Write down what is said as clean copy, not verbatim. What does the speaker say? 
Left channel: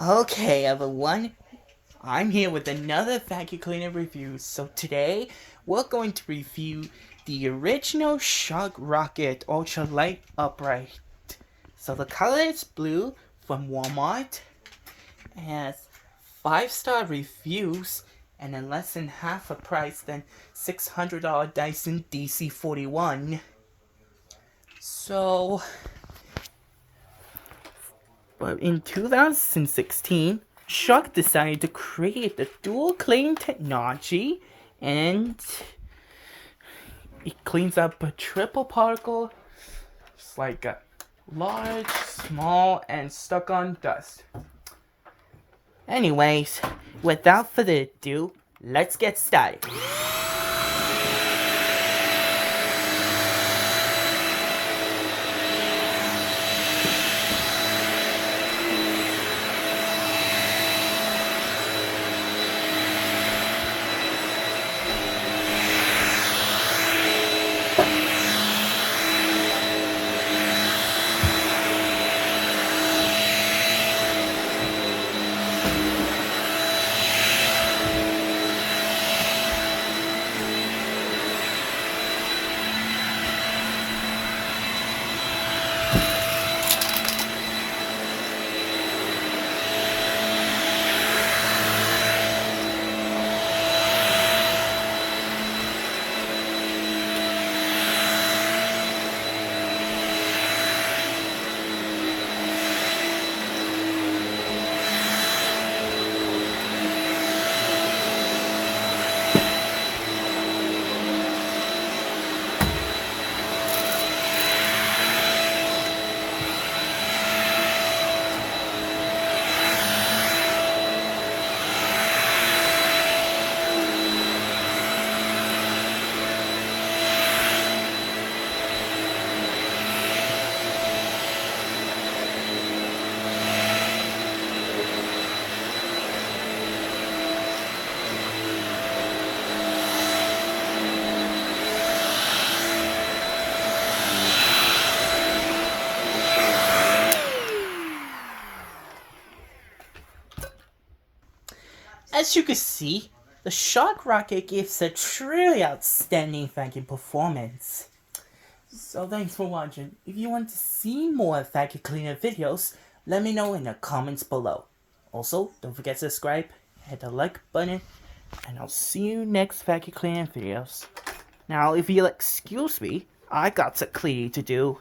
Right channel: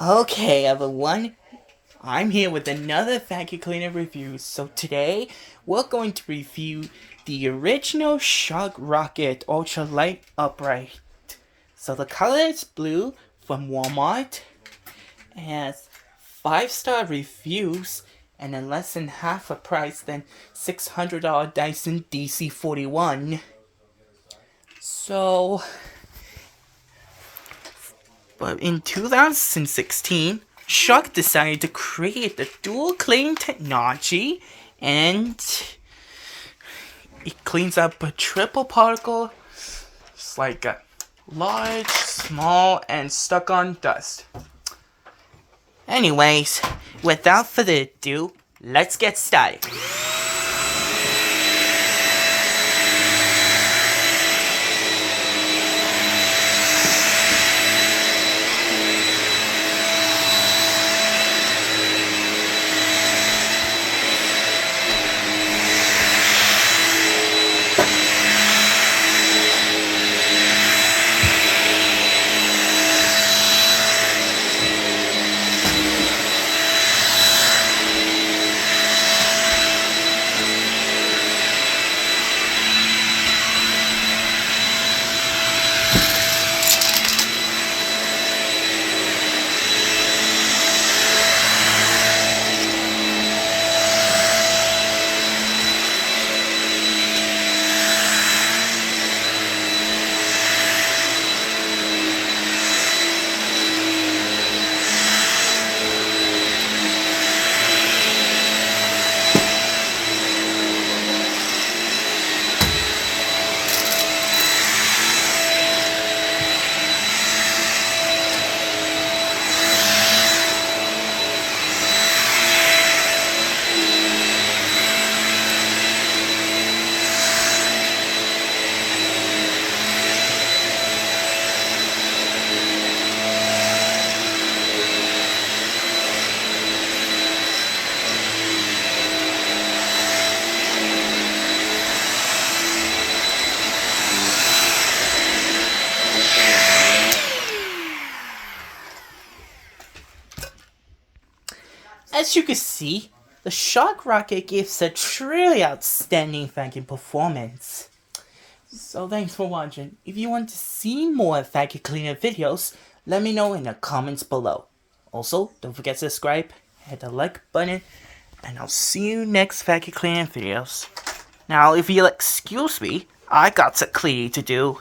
Okay, everyone, I'm here with another vacuum cleaner review. So today, we're going to review the original Shark Rocket Ultralight Upright. So the color is blue from Walmart, and has 5-star reviews, and in less than half a price than $600 Dyson DC-41. But in 2016, Shark decided to create the dual clean technology, and it cleans up a triple particle. It's like a large, small, and stuck on dust. Anyways, without further ado, let's get started. As you can see, the Shark Rocket gives a truly outstanding vacuum performance. So thanks for watching. If you want to see more vacuum cleaner videos, let me know in the comments below. Also, don't forget to subscribe, hit the like button, and I'll see you next vacuum cleaner videos. Now, if you'll excuse me, I got some cleaning to do.